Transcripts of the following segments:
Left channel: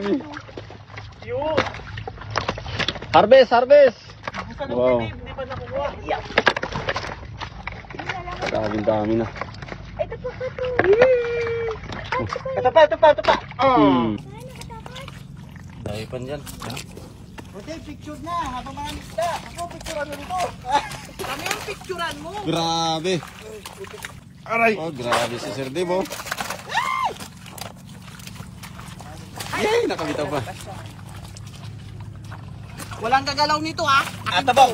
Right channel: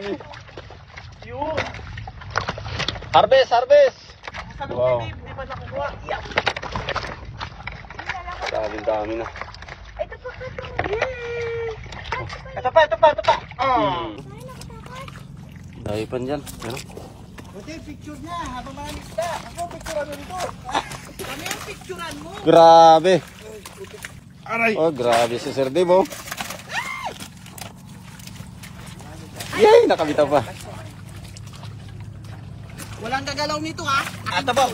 dami. Harvest, harvest. Wow. Hindi pa nakuha. Daming dami na. Ito pa. Ito pa. Kaya pa dyan. Buti, picture na. Habang mga nista. Ako, picturean mo rito. Kami ang picturean mo. Grabe. Aray. Oh, grabe si Sir Dave, oh. Yay, nakabitaw pa. Walang gagalaw nito, ha? Atabaw.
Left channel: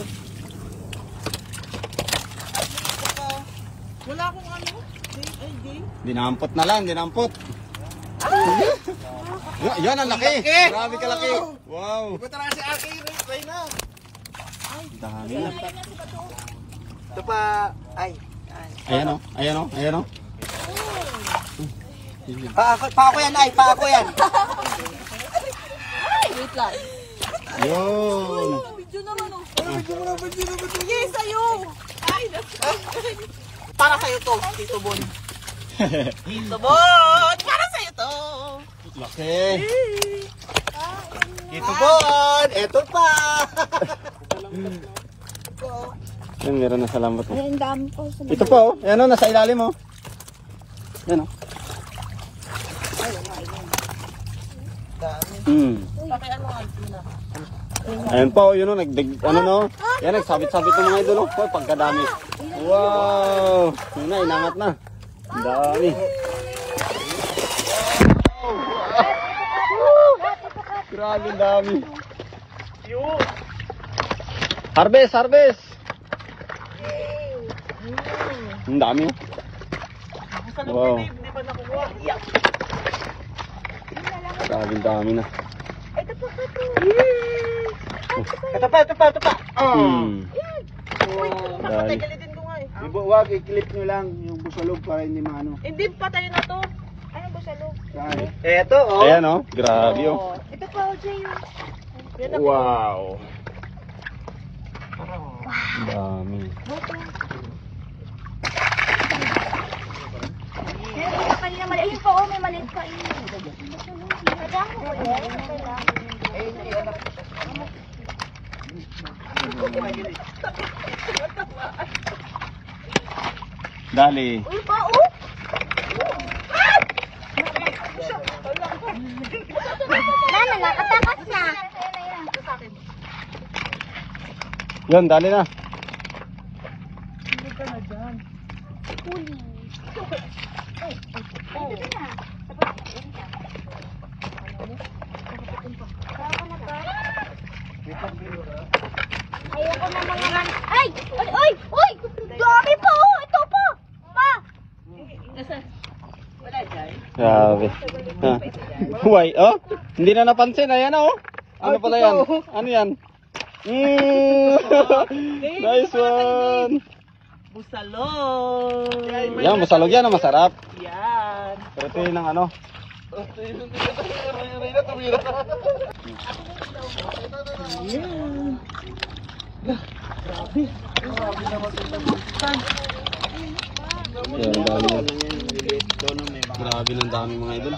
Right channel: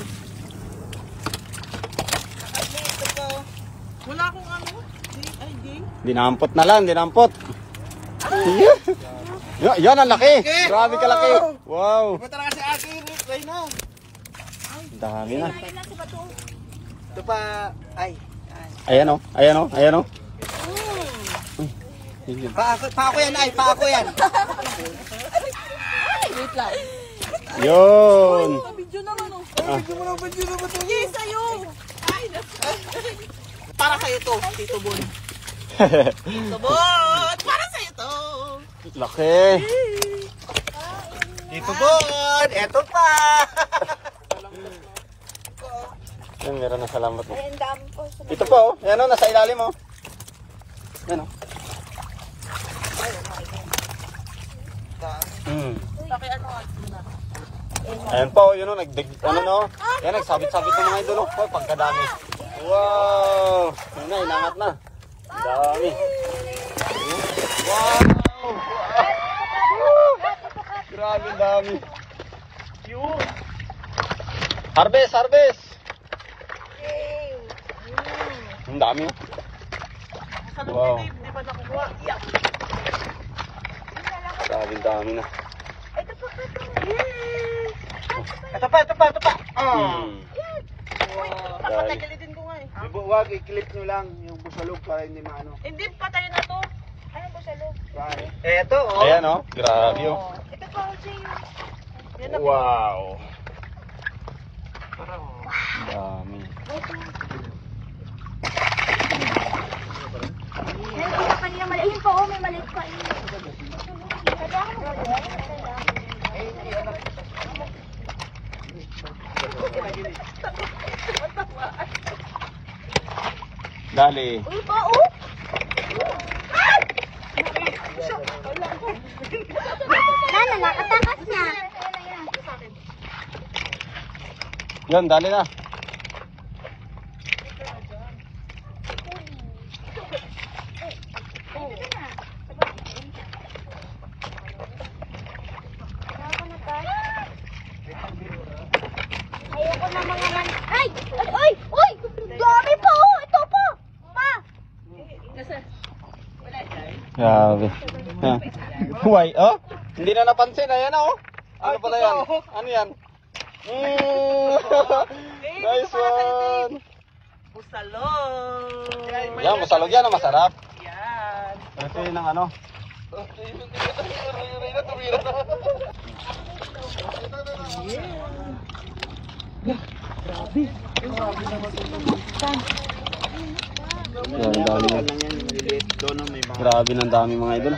Wala akong ano. Game. Dinampot na lang, dinampot. Yan ang laki. Grabe kalaki. Wow. Iba talaga si Aki. Try na. Dami na. Ito pa. Ay. Ayan, oh. Ayan, oh. Ayan, oh. Pa ako yan, ay. Pa ako yan. Wait lang. Yun. Video naman, oh. Video naman. Yes, sa'yo. Para sa'yo to, Tito Bon. Tito Bon! Para sa'yo to. Laki. Tito Bon! Eto pa! Meron na sa lambat. Ay, ang dami po. Ito po, oh. Ayan, oh. Nasa ilalim, oh. Yan, oh. Laki ano nga ito na. Ayan pa, yun o, ano mo, yan, nagsabit-sabit yung mga doon, oh, pagkadami. Wow! Yan na, inangat na. Ang dami. Wow! Grabe dami. Harvest, harvest! Ang dami. Wow. Hindi pa nakuha. Grabe dami na. Ito pa. Nakakagalitin ko nga, eh. Wag, i-click mo lang yung busalog para hindi maano. Hindi, patay na to. Ayun ko siya, Eto, oh. Ayan o, grabe o. ito pa, Jay. Wow! Dami. Meron na kanina mali. Ayun po, may maliit pa. Dali. Uy, pa, oh. Nana, nakatakas na. Yan, dali na. Ay! Ay! Uy! Dami pa, oh. Ito pa. Pa. Grabe. Why? Oh, hindi na napansin. Ayan o. Ano pala yan? Ano yan? Nice one. Busalog. Yan, masalog yan. Masarap. Yan. Pero ito yung ano. Grabe ng dami mga idol.